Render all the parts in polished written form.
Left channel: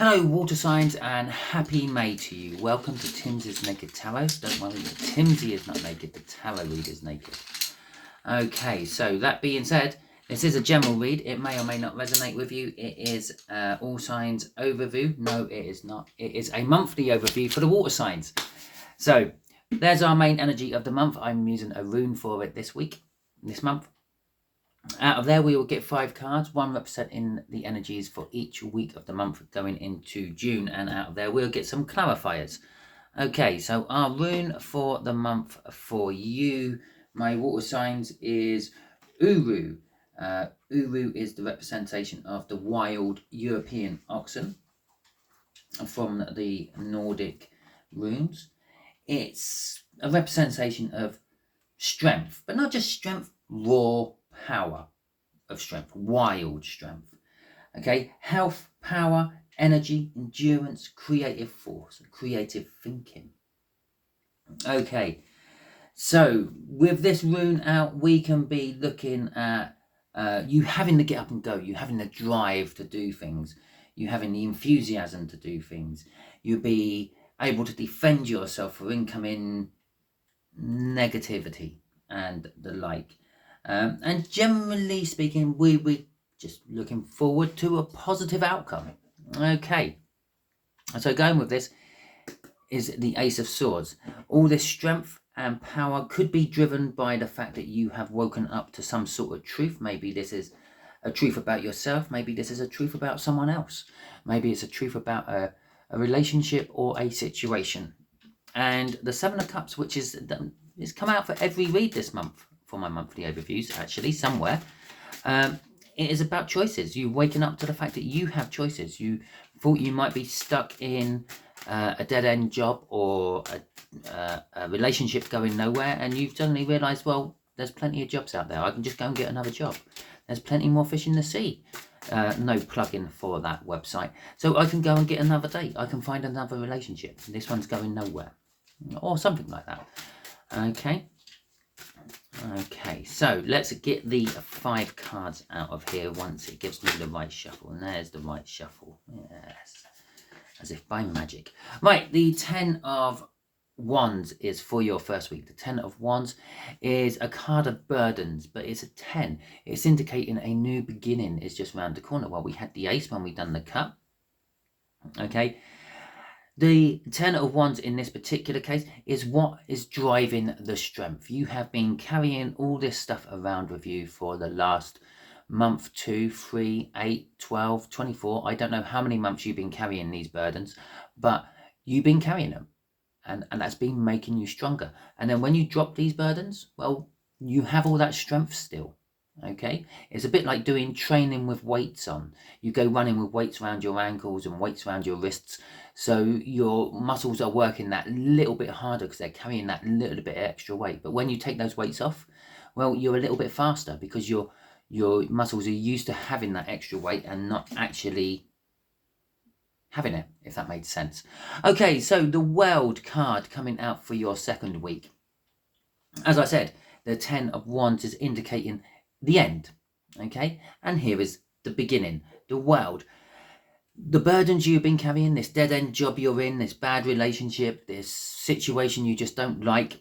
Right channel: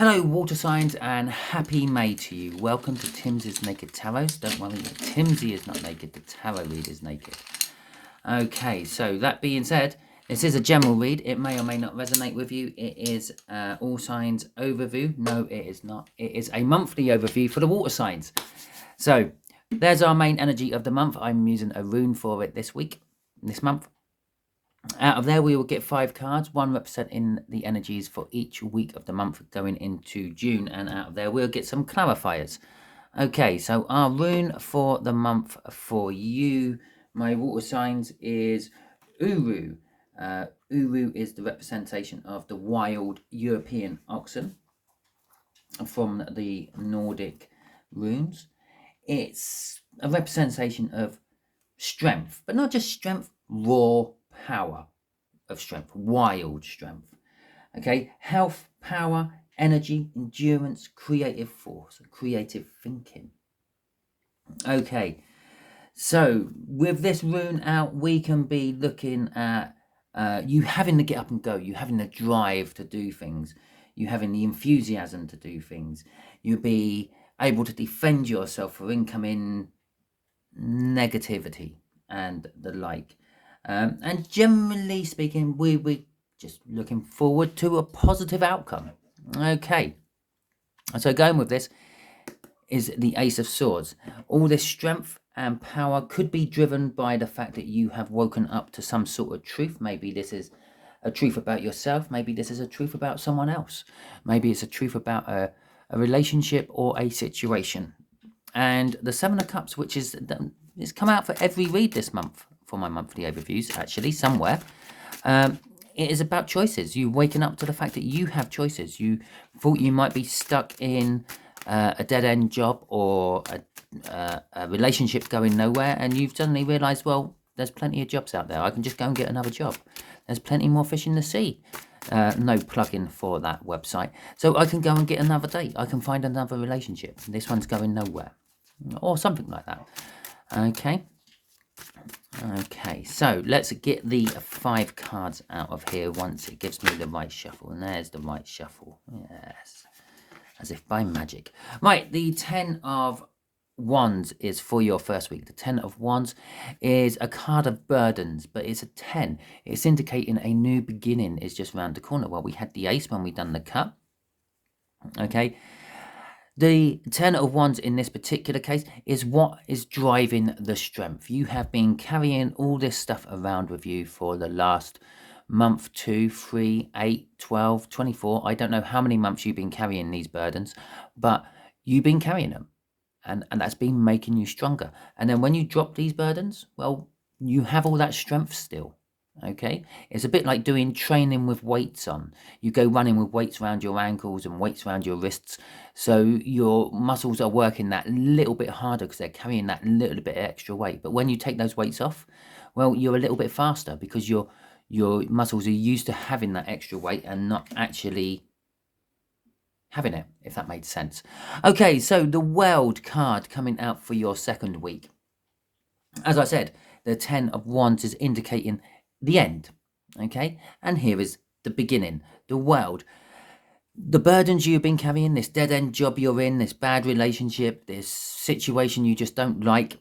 Hello water signs and happy May to you. Welcome to Timsy's Naked Tarot. Don't worry, Timsy is not naked, the tarot read is naked. Okay, so that being said, this is a general read. It may or may not resonate with you. It is all signs overview. No, it is not. It is a monthly overview for the water signs. So there's our main energy of the month. I'm using a rune for it this month. Out of there, we will get 5 cards, one representing the energies for each week of the month going into June. And out of there, we'll get some clarifiers. Okay, so our rune for the month for you, my water signs, is Uru. Uru is the representation of the wild European oxen from the Nordic runes. It's a representation of strength, but not just strength, raw power of strength, wild strength. Okay, health, power, energy, endurance, creative force, creative thinking. Okay, so with this rune out, we can be looking at you having to get up and go, you having the drive to do things, you having the enthusiasm to do things, you be able to defend yourself for incoming negativity and the like. And generally speaking, we're just looking forward to a positive outcome. Okay, so going with this is the Ace of Swords. All this strength and power could be driven by the fact that you have woken up to some sort of truth. Maybe this is a truth about yourself. Maybe this is a truth about someone else. Maybe it's a truth about a relationship or a situation. And the Seven of Cups, which is it's come out for every read this month for my monthly overviews, actually, somewhere. It is about choices. You waking up to the fact that you have choices. You thought you might be stuck in a dead-end job or a relationship going nowhere, and you've suddenly realised, well, there's plenty of jobs out there. I can just go and get another job. There's plenty more fish in the sea. No plug-in for that website. So I can go and get another date. I can find another relationship. This one's going nowhere. Or something like that. Okay, so let's get the 5 cards out of here once it gives me the right shuffle. And there's the right shuffle. Yes. As if by magic. Right, the 10 of Wands is for your first week. The 10 of Wands is a card of burdens, but it's a 10. It's indicating a new beginning is just round the corner. Well, we had the Ace when we done the cut. Okay. The 10 of Wands in this particular case is what is driving the strength. You have been carrying all this stuff around with you for the last month, 2, 3, 8, 12, 24. I don't know how many months you've been carrying these burdens, but you've been carrying them. And that's been making you stronger. And then when you drop these burdens, well, you have all that strength still. Okay, it's a bit like doing training with weights on. You go running with weights around your ankles and weights around your wrists, so your muscles are working that little bit harder because they're carrying that little bit of extra weight. But when you take those weights off, well, you're a little bit faster because your muscles are used to having that extra weight and not actually having it, if that made sense. Okay, so the World card coming out for your second week. As I said, the 10 of Wands is indicating the end. Okay, and here is the beginning, the World. The burdens you've been carrying, this dead-end job you're in, this bad relationship, this situation you just don't like,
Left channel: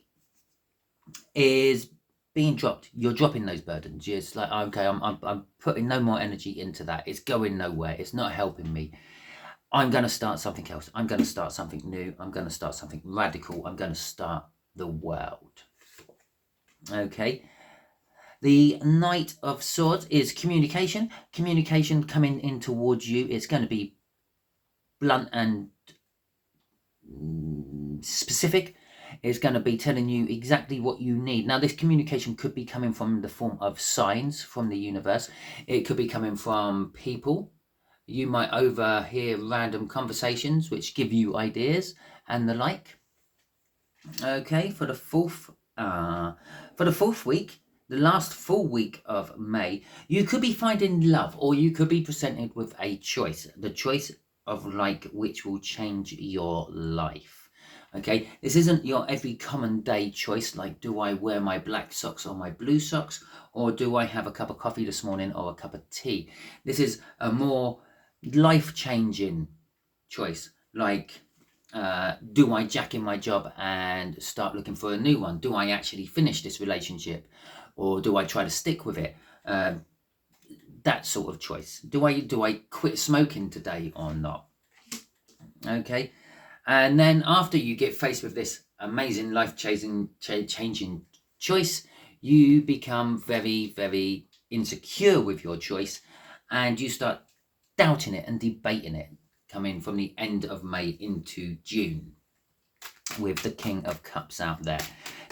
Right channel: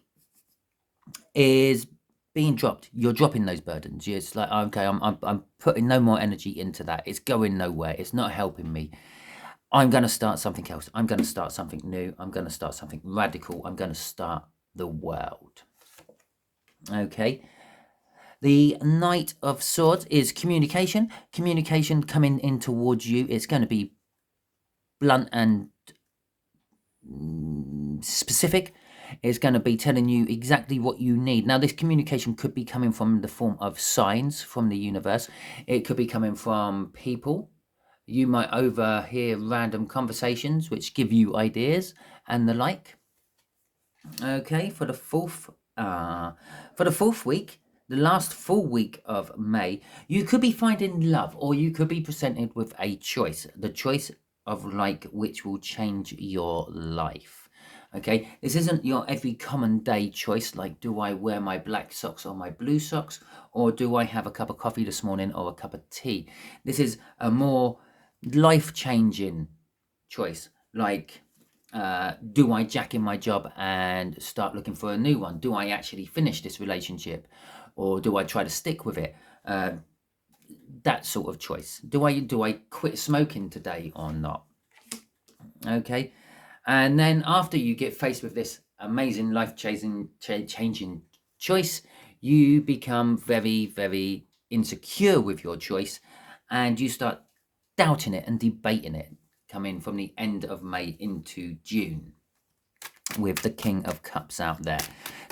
is being dropped. You're dropping those burdens. It's like, okay, I'm putting no more energy into that. It's going nowhere. It's not helping me. I'm going to start something else. I'm going to start something new. I'm going to start something radical. I'm going to start the world. Okay. The Knight of Swords is communication. Communication coming in towards you. It's going to be blunt and specific. It's going to be telling you exactly what you need. Now, this communication could be coming from the form of signs from the universe. It could be coming from people. You might overhear random conversations which give you ideas and the like. Okay, for the fourth week, the last full week of May, you could be finding love, or you could be presented with a choice. The choice of like which will change your life. Okay, this isn't your every common day choice like, do I wear my black socks or my blue socks, or do I have a cup of coffee this morning or a cup of tea? This is a more life-changing choice, like do I jack in my job and start looking for a new one? Do I actually finish this relationship, or do I try to stick with it? That sort of choice. Do I quit smoking today or not? Okay. And then after you get faced with this amazing life-changing choice, you become very, very insecure with your choice, and you start doubting it and debating it, coming from the end of May into June, with the King of Cups out there.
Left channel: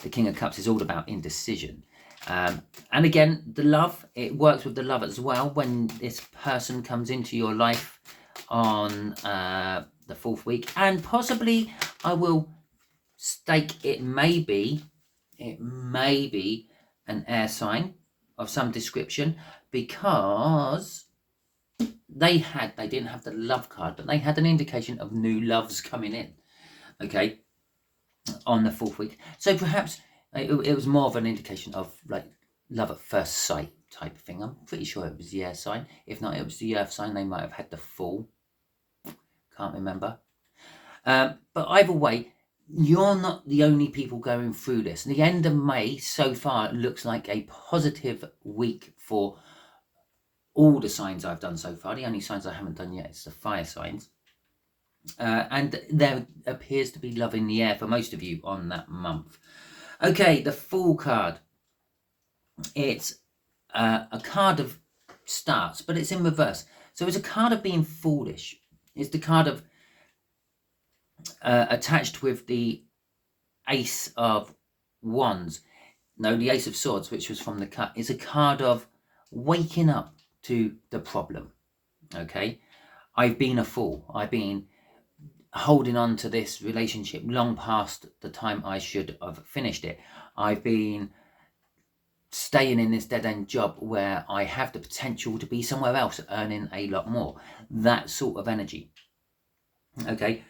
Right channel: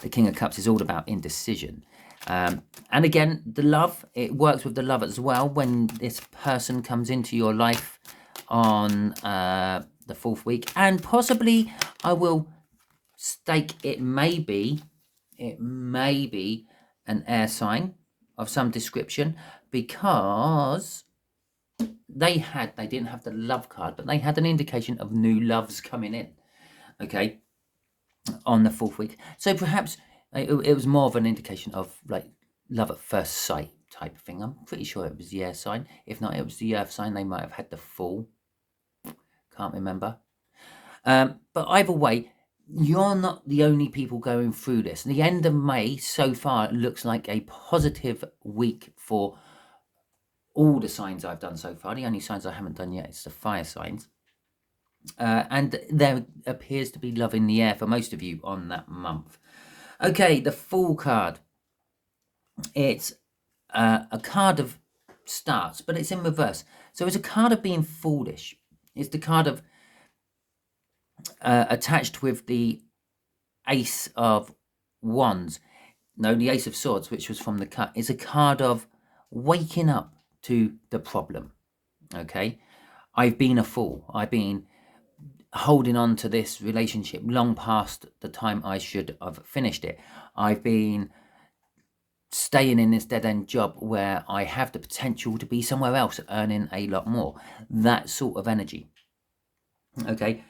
The King of Cups is all about indecision. And again, the love, it works with the love as well. When this person comes into your life on the 4th week, and possibly I will stake it may be an air sign of some description, because they didn't have the love card, but they had an indication of new loves coming in, okay, on the 4th week. So perhaps it was more of an indication of like love at first sight type of thing. I'm pretty sure it was the air sign. If not, it was the earth sign. They might have had the Fool. Can't remember. But either way, you're not the only people going through this. The end of May so far looks like a positive week for all the signs I've done so far. The only signs I haven't done yet is the fire signs. And there appears to be love in the air for most of you on that month. Okay, the Fool card. It's a card of starts, but it's in reverse. So it's a card of being foolish. It's the card of attached with the Ace of Wands. No, the Ace of Swords, which was from the cut, is a card of waking up to the problem. Okay, I've been a fool. I've been holding on to this relationship long past the time I should have finished it. I've been staying in this dead-end job where I have the potential to be somewhere else earning a lot more. That sort of energy. Okay,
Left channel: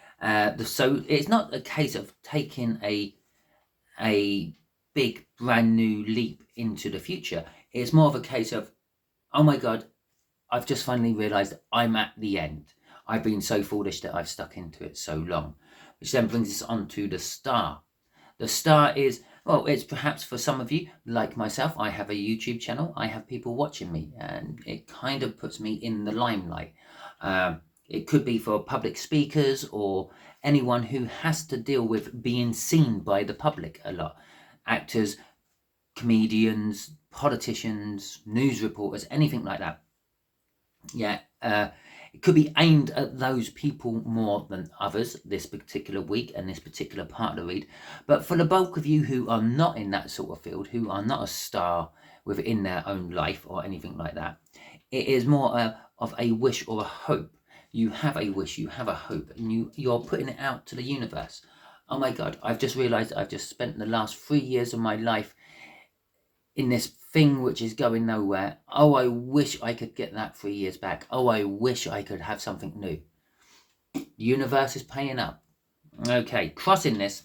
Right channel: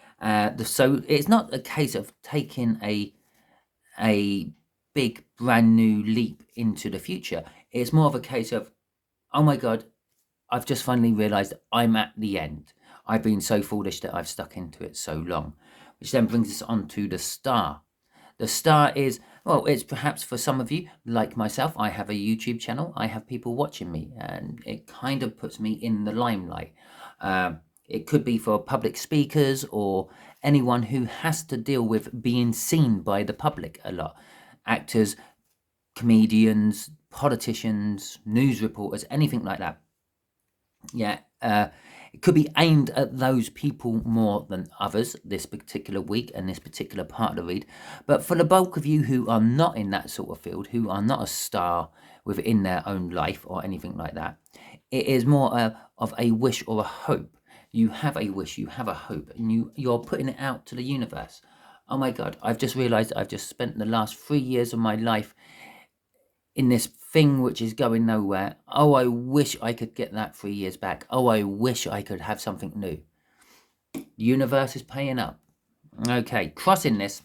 so it's not a case of taking a big brand new leap into the future. It's more of a case of, oh my God, I've just finally realized I'm at the end. I've been so foolish that I've stuck into it so long. Which then brings us on to the Star. The Star is, well, it's perhaps for some of you, like myself, I have a YouTube channel. I have people watching me, and it kind of puts me in the limelight. It could be for public speakers or anyone who has to deal with being seen by the public a lot. Actors, comedians, politicians, news reporters, anything like that. Yeah, it could be aimed at those people more than others this particular week and this particular part of the read. But for the bulk of you who are not in that sort of field, who are not a star within their own life or anything like that, it is more of a wish or a hope. You have a wish, you have a hope, and you're putting it out to the universe. Oh my God, I've just realized I've just spent the last 3 years of my life in this thing which is going nowhere. Oh, I wish I could get that 3 years back. Oh, I wish I could have something new. The universe is paying up. Okay, crossing this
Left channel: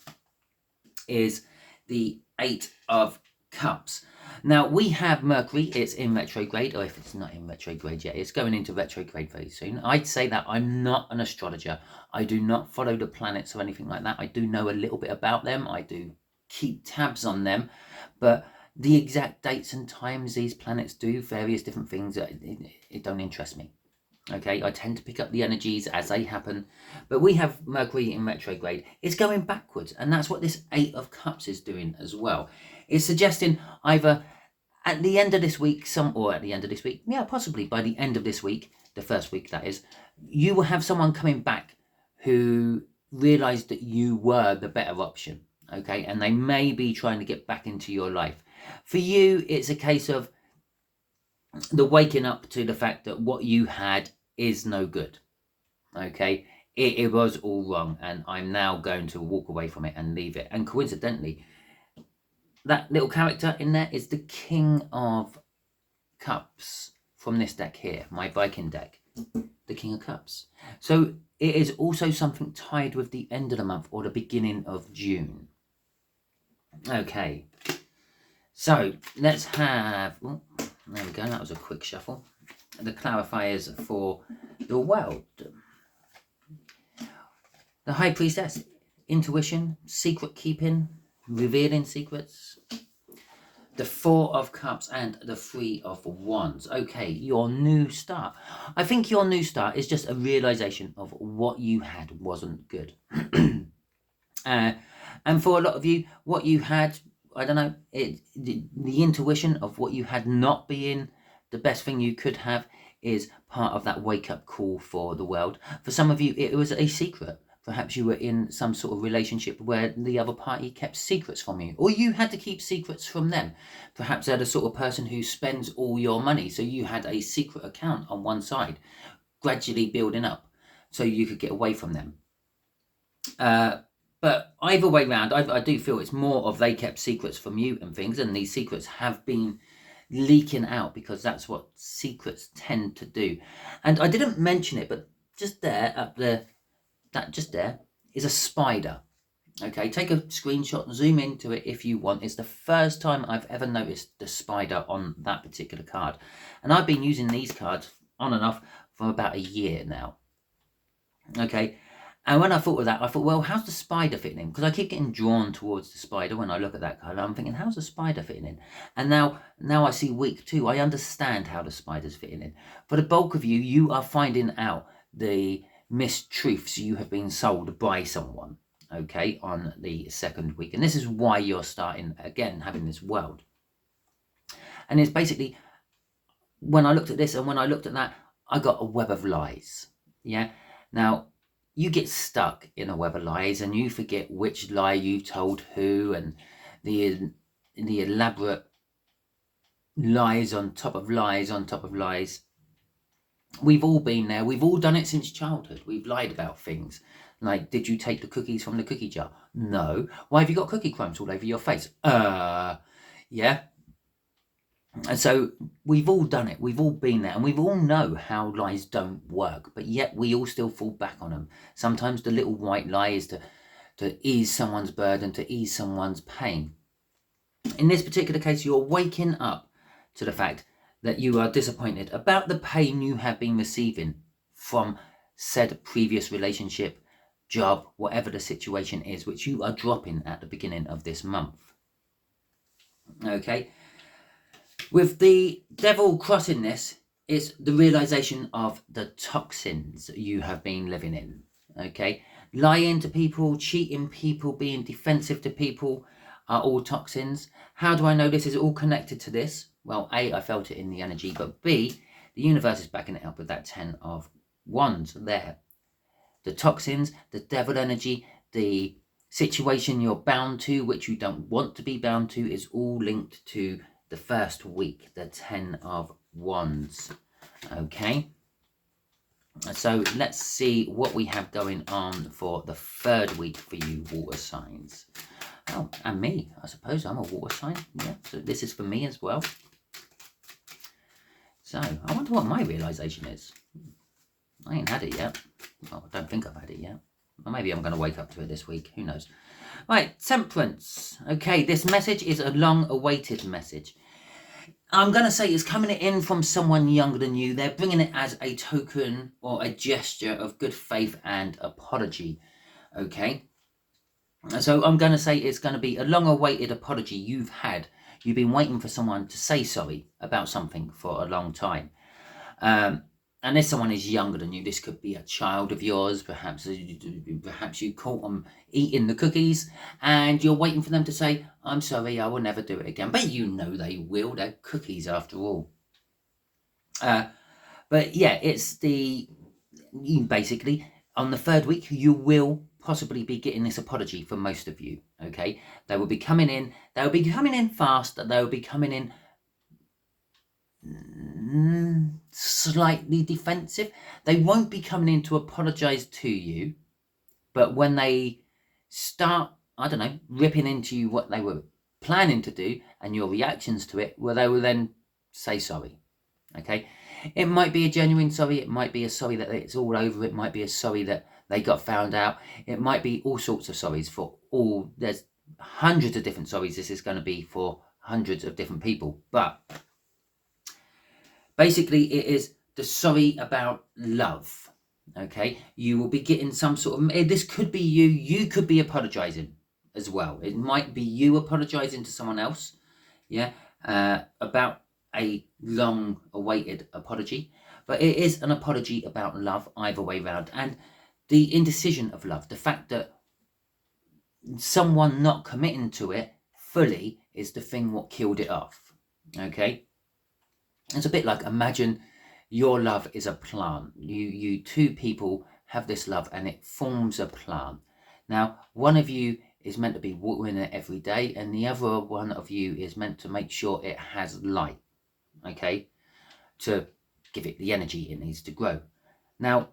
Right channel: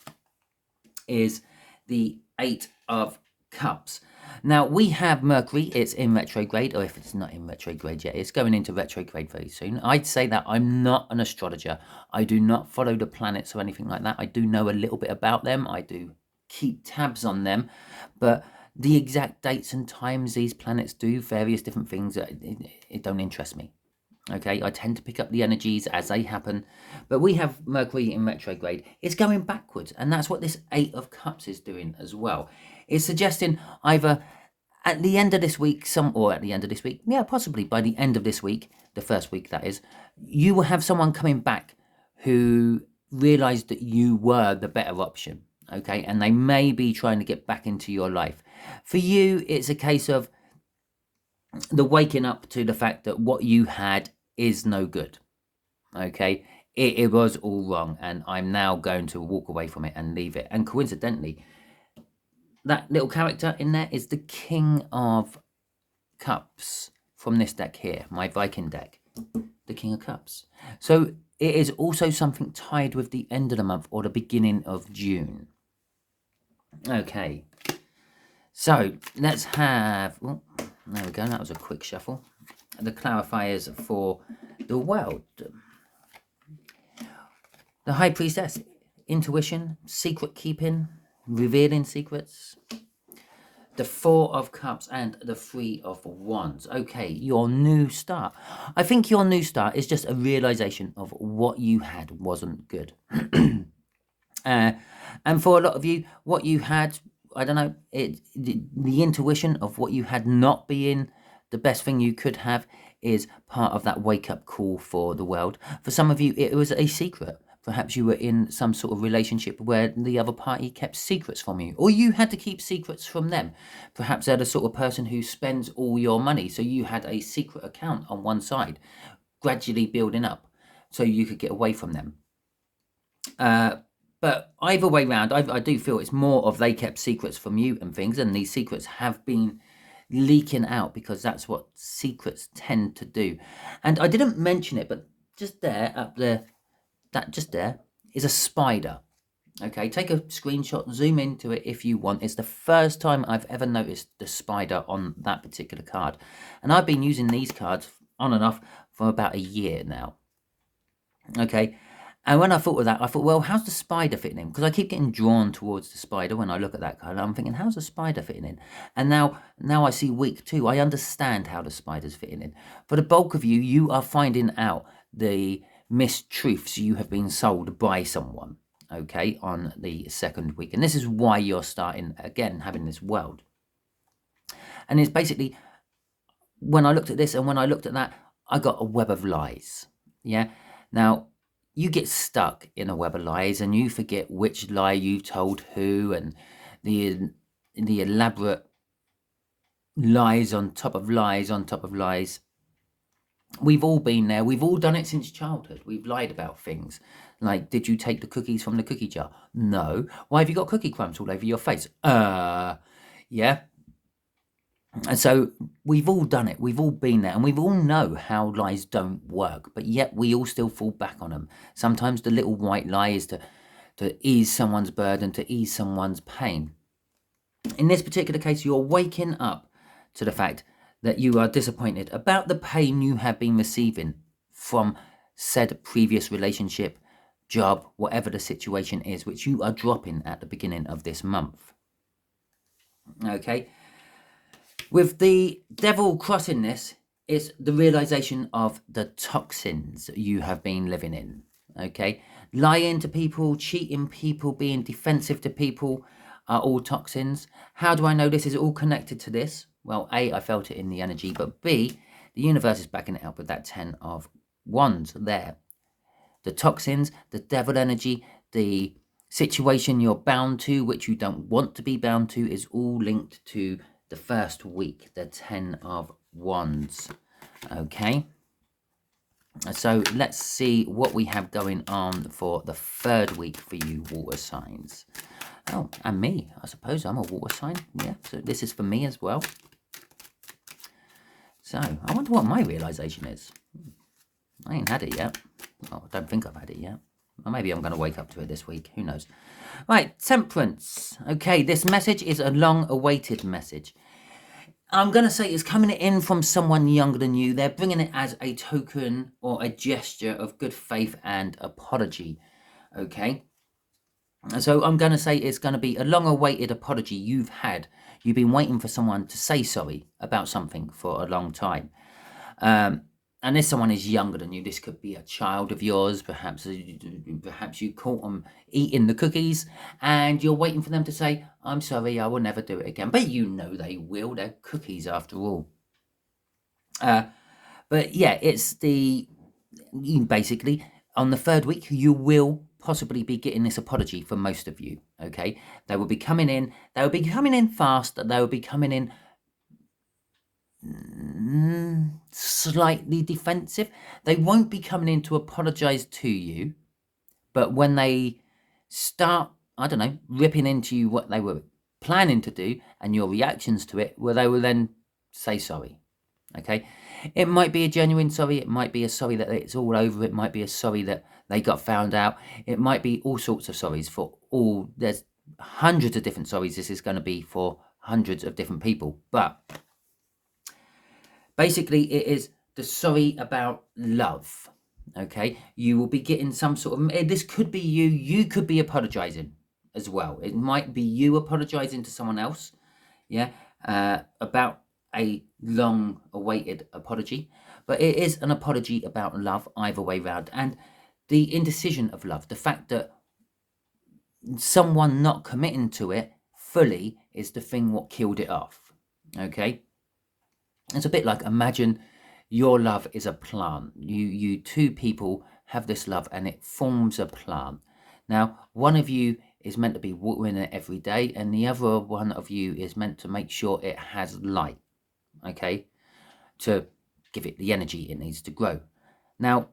is the 8 of Cups. Now, we have Mercury. It's in retrograde, or if it's not in retrograde yet, it's going into retrograde very soon. I'd say that I'm not an astrologer. I do not follow the planets or anything like that. I do know a little bit about them. I do keep tabs on them, but the exact dates and times these planets do various different things, it don't interest me. Okay, I tend to pick up the energies as they happen, but we have Mercury in retrograde. It's going backwards, and that's what this 8 of Cups is doing as well. It's suggesting either at the end of this week, yeah, possibly by the end of this week, the first week that is, you will have someone coming back who realized that you were the better option. Okay, and they may be trying to get back into your life. For you, it's a case of the waking up to the fact that what you had is no good. Okay, it was all wrong, and I'm now going to walk away from it and leave it. And coincidentally, that little character in there is the King of Cups from this deck here, my Viking deck, the King of Cups. So it is also something tied with the end of the month or the beginning of June. Okay, so let's have, oh, there we go, that was a quick shuffle. The clarifiers for the world. The High Priestess, intuition, secret keeping, revealing secrets. The Four of Cups and the Three of Wands. Okay, your new start. I think your new start is just a realization of what you had wasn't good. And for a lot of you, what you had, I don't know, the intuition of what you had not being the best thing you could have is part of that wake-up call for the world. For some of you, it was a secret. Perhaps you were in some sort of relationship where the other party kept secrets from you, or you had to keep secrets from them. Perhaps they're the sort of person who spends all your money, so you had a secret account on one side, gradually building up, so you could get away from them. But either way round, I do feel it's more of they kept secrets from you and things, and these secrets have been leaking out because that's what secrets tend to do. And I didn't mention it, but just there, up there, that just there is a spider. Okay, take a screenshot, zoom into it if you want. It's the first time I've ever noticed the spider on that particular card. And I've been using these cards on and off for about a year now. Okay, and when I thought of that, I thought, well, how's the spider fitting in? Because I keep getting drawn towards the spider when I look at that card. I'm thinking, how's the spider fitting in? And now I see week 2. I understand how the spider's fitting in. For the bulk of you, you are finding out the mistruths you have been sold by someone, okay, on the second week. And this is why you're starting, again, having this world. And it's basically, when I looked at this and when I looked at that, I got a web of lies. Yeah. Now, you get stuck in a web of lies and you forget which lie you told who, and the elaborate lies on top of lies on top of lies. We've all been there. We've all done it since childhood. We've lied about things. Like, did you take the cookies from the cookie jar? No. Why have you got cookie crumbs all over your face? Yeah. And so we've all done it. We've all been there. And we all know how lies don't work. But yet we all still fall back on them. Sometimes the little white lie is to ease someone's burden, to ease someone's pain. In this particular case, you're waking up to the fact that you are disappointed about the pain you have been receiving from said previous relationship, job, whatever the situation is, which you are dropping at the beginning of this month. Okay. With the devil crossing this, it's the realization of the toxins you have been living in. Okay. Lying to people, cheating people, being defensive to people are all toxins. How do I know this is all connected to this? Well, A, I felt it in the energy, but B, the universe is backing it up with that 10 of Wands there. The toxins, the devil energy, the situation you're bound to, which you don't want to be bound to, is all linked to the first week, the 10 of Wands. Okay. So let's see what we have going on for the third week for you water signs. Oh, and me, I suppose I'm a water sign. Yeah, so this is for me as well. So, I wonder what my realisation is. I ain't had it yet. Well, I don't think I've had it yet. Or maybe I'm going to wake up to it this week. Who knows? Right, Temperance. Okay, this message is a long-awaited message. I'm going to say it's coming in from someone younger than you. They're bringing it as a token or a gesture of good faith and apology. Okay? So I'm going to say it's going to be a long-awaited apology you've had. You've been waiting for someone to say sorry about something for a long time. And if someone is younger than you, this could be a child of yours. Perhaps you caught them eating the cookies and you're waiting for them to say, I'm sorry, I will never do it again. But you know they will. They're cookies after all. But yeah, it's basically on the third week, you will possibly be getting this apology for most of you. Okay, they will be coming in. They will be coming in fast. They will be coming in slightly defensive. They won't be coming in to apologize to you, but when they start, I don't know, ripping into you what they were planning to do and your reactions to it, well, they will then say sorry. Okay, it might be a genuine sorry. It might be a sorry that it's all over. It might be a sorry that they got found out. It might be all sorts of sorries for all. There's hundreds of different sorries. This is going to be for hundreds of different people. But basically, it is the sorry about love. Okay, you will be getting some sort of, this could be you could be apologizing as well. It might be you apologizing to someone else, yeah, about a long awaited apology, but it is an apology about love either way round. And the indecision of love, the fact that someone not committing to it fully is the thing what killed it off. Okay, it's a bit like, imagine your love is a plant. You two people have this love and it forms a plant. Now, one of you is meant to be watering it every day, and the other one of you is meant to make sure it has light, okay, to give it the energy it needs to grow. Now,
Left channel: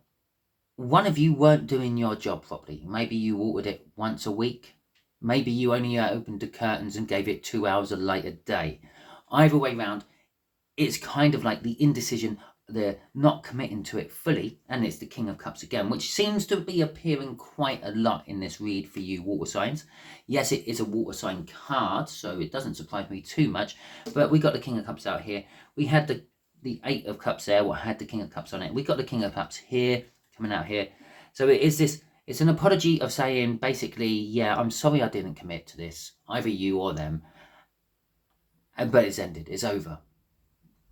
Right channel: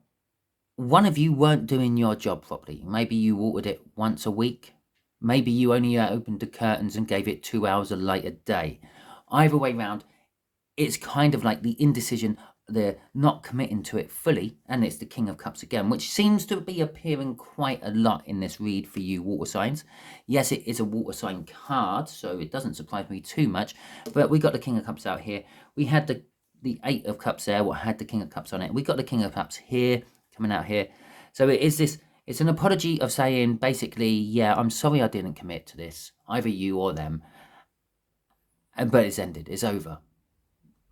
one of you weren't doing your job properly. Maybe you watered it once a week. Maybe you only opened the curtains and gave it 2 hours of light a day. Either way round, it's kind of like the indecision, the not committing to it fully, and it's the King of Cups again, which seems to be appearing quite a lot in this read for you water signs. Yes, it is a water sign card, so it doesn't surprise me too much, but we got the King of Cups out here. We had the Eight of Cups there, what had the King of Cups on it. We got the King of Cups here, coming out here. So it is this, it's an apology of saying, basically, yeah, I'm sorry I didn't commit to this, either you or them, but it's ended, it's over.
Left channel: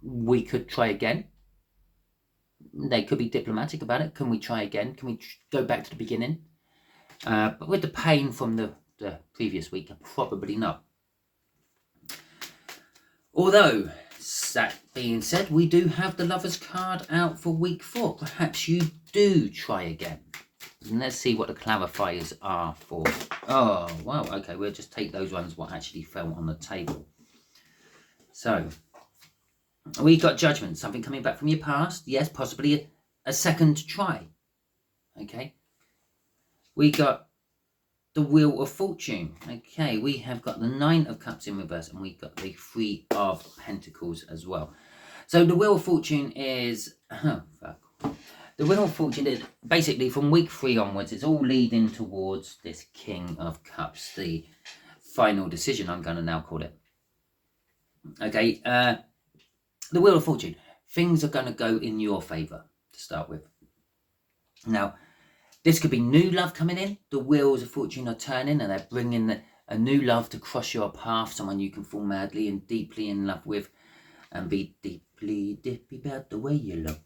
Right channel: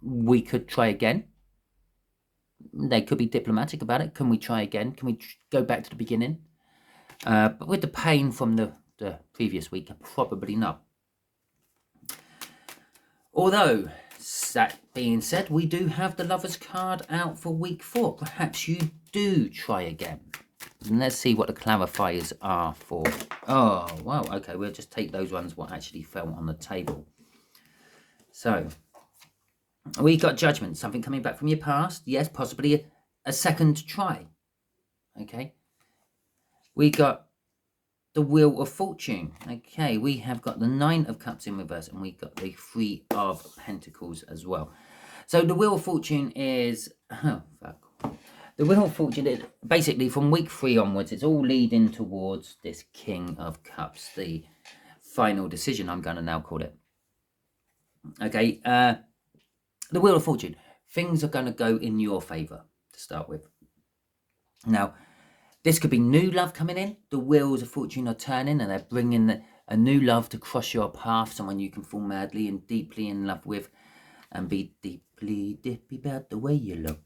We could try again. They could be diplomatic about it. Can we try again? Can we go back to the beginning? But with the pain from the previous week, probably not. Although, that being said, we do have the Lovers card out for week 4. Perhaps you do try again. And let's see what the clarifiers are for. Oh, wow. Okay, we'll just take those ones what actually fell on the table. So, we got Judgment, something coming back from your past. Yes, possibly a second try. Okay. We got the Wheel of Fortune. Okay, we have got the 9 of Cups in reverse, and we got the 3 of Pentacles as well. So the Wheel of Fortune is... Oh, fuck. The Wheel of Fortune is basically from week 3 onwards, it's all leading towards this King of Cups, the final decision, I'm going to now call it. Okay, the Wheel of Fortune, things are going to go in your favour to start with. Now, this could be new love coming in. The Wheels of Fortune are turning and they're bringing a new love to cross your path, someone you can fall madly and deeply in love with and be deeply dippy about the way you look.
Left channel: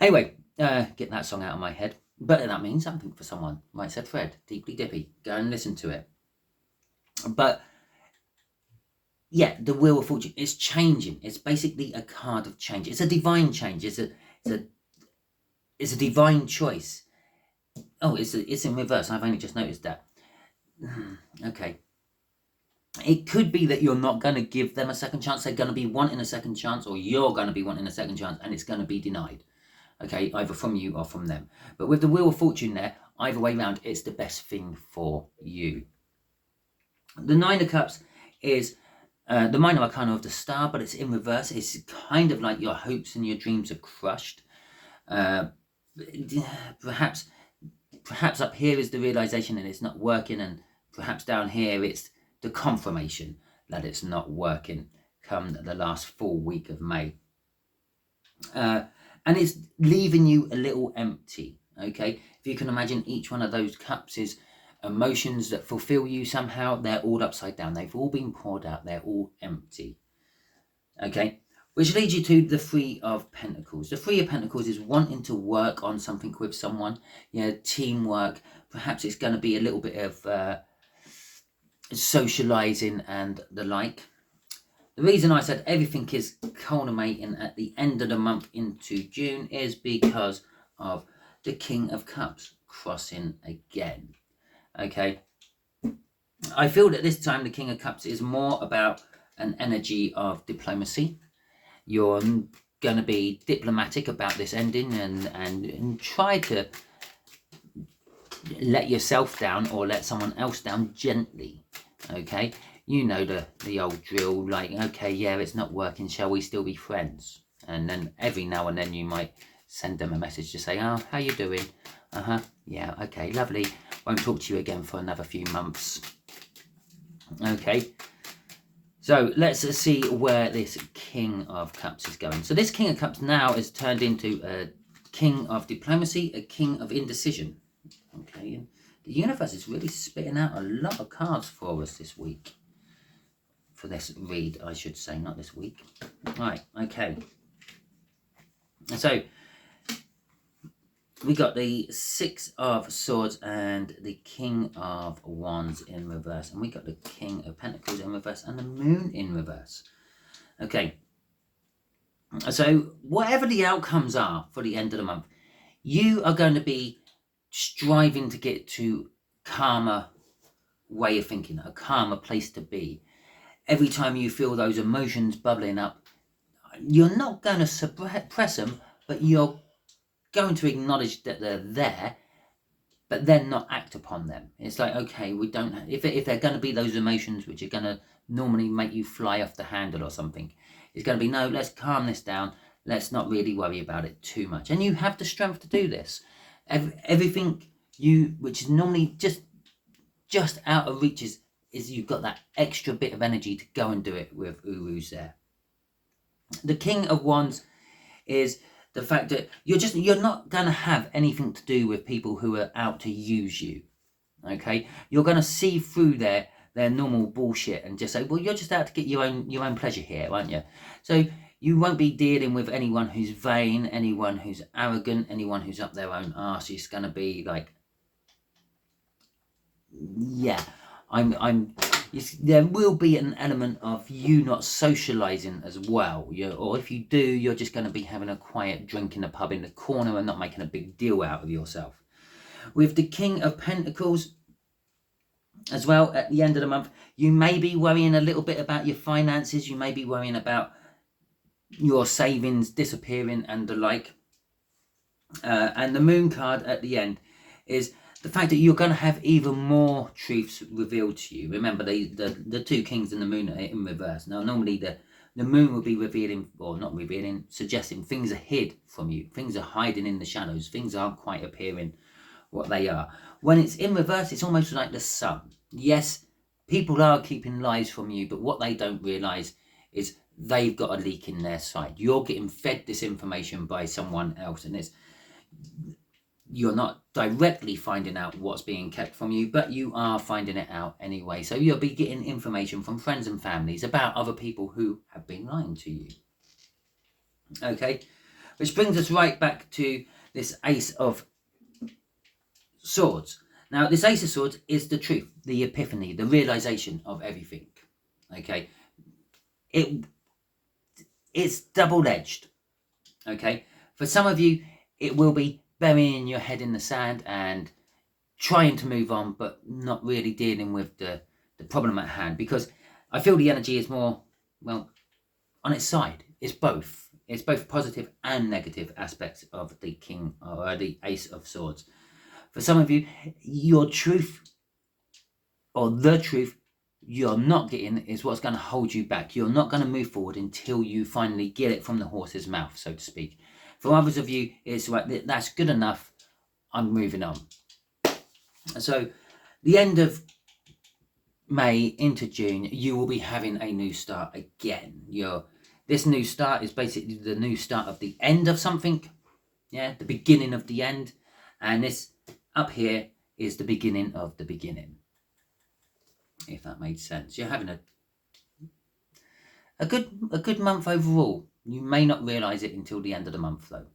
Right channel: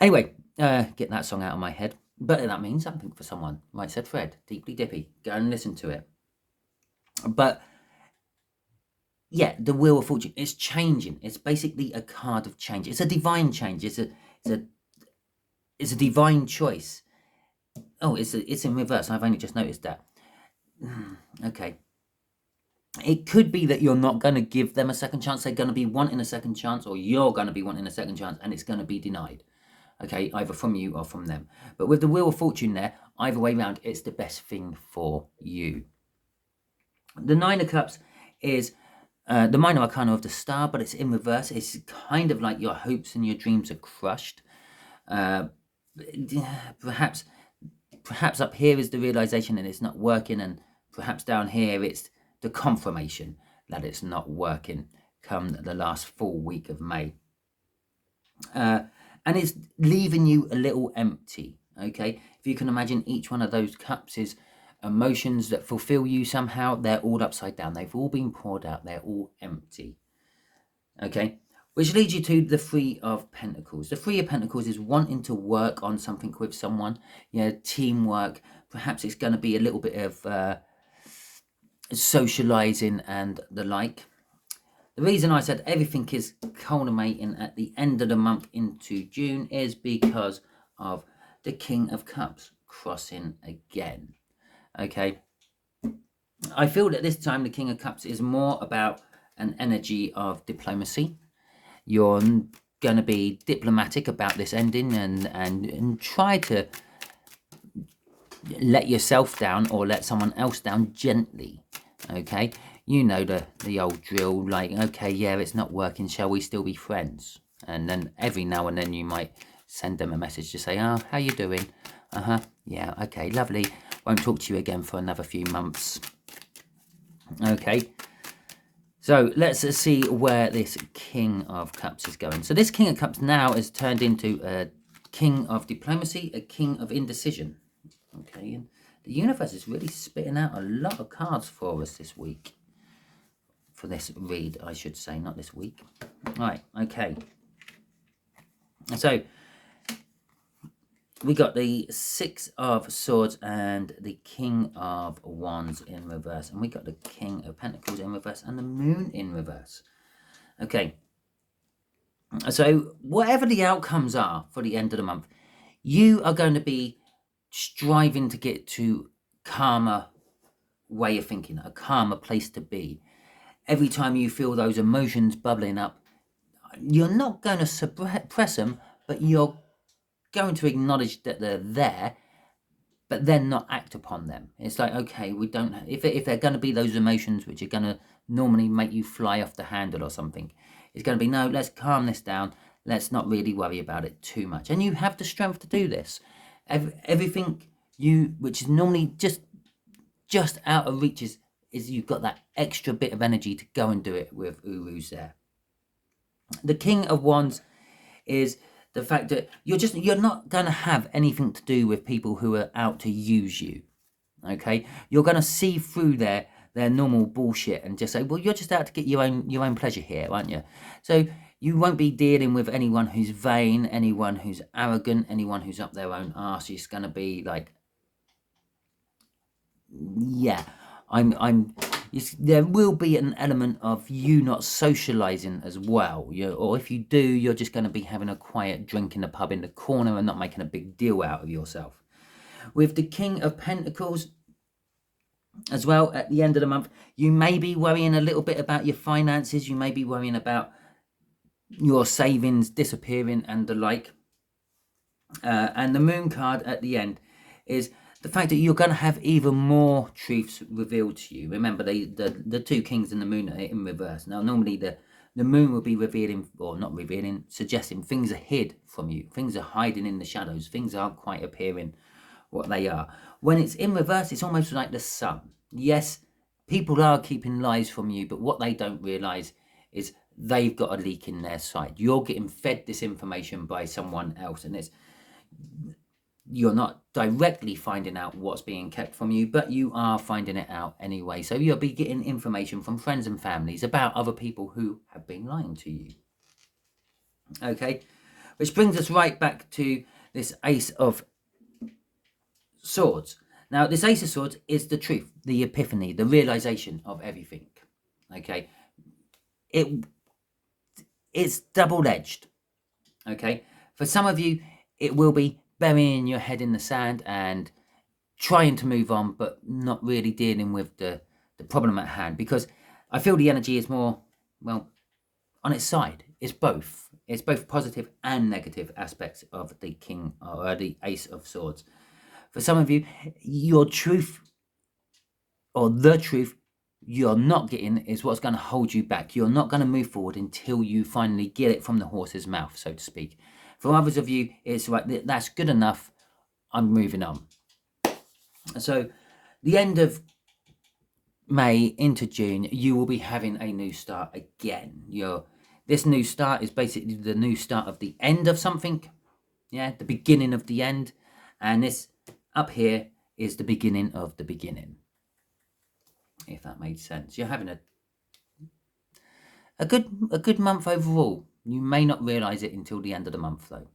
Anyway, get that song out of my head. But that means something for someone. Right, said Fred, deeply dippy. Go and listen to it. But yeah, the Wheel of Fortune is changing. It's basically a card of change. It's a divine change. It's a divine choice. Oh, it's in reverse. I've only just noticed that. Okay. It could be that you're not going to give them a second chance. They're going to be wanting a second chance, or you're going to be wanting a second chance, and it's going to be denied. Okay, either from you or from them. But with the Wheel of Fortune there, either way round, it's the best thing for you. The 9 of Cups is the minor arcana of the Star, but it's in reverse. It's kind of like your hopes and your dreams are crushed. Perhaps up here is the realization that it's not working, and perhaps down here it's the confirmation that it's not working come the last full week of May. And it's leaving you a little empty, okay? If you can imagine, each one of those cups is emotions that fulfill you somehow. They're all upside down. They've all been poured out. They're all empty, okay? Which leads you to the 3 of Pentacles. The 3 of Pentacles is wanting to work on something with someone, teamwork. Perhaps it's going to be a little bit of socializing and the like. The reason I said everything is culminating at the end of the month into June is because of the King of Cups crossing again. Okay. I feel that this time the King of Cups is more about an energy of diplomacy. You're going to be diplomatic about this ending and try to let yourself down or let someone else down gently. Okay. You know the old drill, like, okay, yeah, it's not working, shall we still be friends? And then every now and then you might send them a message to say, oh, how you doing? Yeah, okay, lovely. Won't talk to you again for another few months. Okay, so let's see where this King of Cups is going. So this King of Cups now is turned into a King of Diplomacy, a King of Indecision. Okay, and the universe is really spitting out a lot of cards for us this week. For this read, I should say, not this week. Right, okay. So, we got the Six of Swords and the King of Wands in reverse. And we got the King of Pentacles in reverse and the Moon in reverse. Okay. So, whatever the outcomes are for the end of the month, you are going to be striving to get to calmer way of thinking, a calmer place to be. Every time you feel those emotions bubbling up, you're not going to suppress them, but you're going to acknowledge that they're there, but then not act upon them. It's like, okay, we don't, if they're going to be those emotions which are going to normally make you fly off the handle or something, it's going to be, no, let's calm this down. Let's not really worry about it too much. And you have the strength to do this. Everything which is normally just out of reach is you've got that extra bit of energy to go and do it with Uru's there. The King of Wands is the fact that you're not going to have anything to do with people who are out to use you. Okay, you're going to see through their normal bullshit and just say, well, you're just out to get your own pleasure here, aren't you? So you won't be dealing with anyone who's vain, anyone who's arrogant, anyone who's up their own arse. It's going to be like, yeah, there will be an element of you not socializing as well. Or if you do, you're just going to be having a quiet drink in the pub in the corner and not making a big deal out of yourself. With the King of Pentacles as well, at the end of the month, you may be worrying a little bit about your finances. You may be worrying about your savings disappearing and the like. And the Moon card at the end is the fact that you're going to have even more truths revealed to you. Remember, the two kings and the moon are in reverse. Now, normally the moon will be revealing, or not revealing, suggesting things are hid from you. Things are hiding in the shadows. Things aren't quite appearing what they are. When it's in reverse, it's almost like the sun. Yes, people are keeping lies from you, but what they don't realise is they've got a leak in their side. You're getting fed this information by someone else, and you're not directly finding out what's being kept from you, but you are finding it out anyway. So you'll be getting information from friends and families about other people who have been lying to you. Okay, which brings us right back to this Ace of Swords. Now, this Ace of Swords is the truth, the epiphany, the realization of everything. Okay, it's double-edged. Okay, for some of you, it will be burying your head in the sand and trying to move on, but not really dealing with the problem at hand, because I feel the energy is more, well, on its side. It's both. It's both positive and negative aspects of the King or the Ace of Swords. For some of you, your truth or the truth you're not getting is what's going to hold you back. You're not going to move forward until you finally get it from the horse's mouth, so to speak. For others of you, it's like, that's good enough, I'm moving on. So the end of May into June, you will be having a new start again. This new start is basically the new start of the end of something. Yeah, the beginning of the end. And this up here is the beginning of the beginning. If that made sense. You're having a good month overall. You may not realise it until the end of the month, though.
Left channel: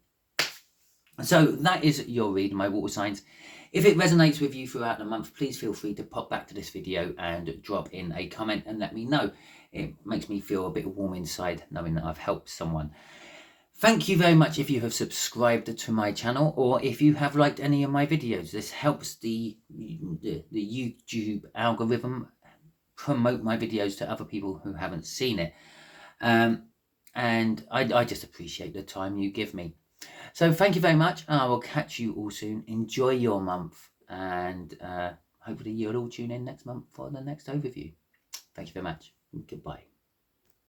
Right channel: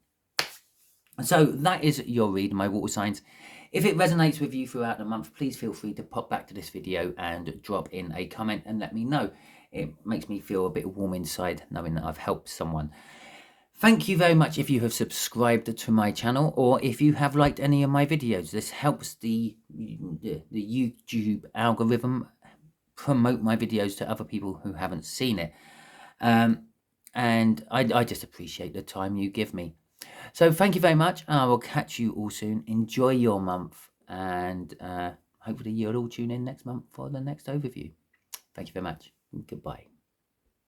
So that is your read, my water signs. If it resonates with you throughout the month, please feel free to pop back to this video and drop in a comment and let me know. It makes me feel a bit warm inside knowing that I've helped someone. Thank you very much if you have subscribed to my channel, or if you have liked any of my videos. This helps the YouTube algorithm promote my videos to other people who haven't seen it. And I just appreciate the time you give me. So thank you very much. I will catch you all soon. Enjoy your month, and hopefully you'll all tune in next month for the next overview. Thank you very much. Goodbye.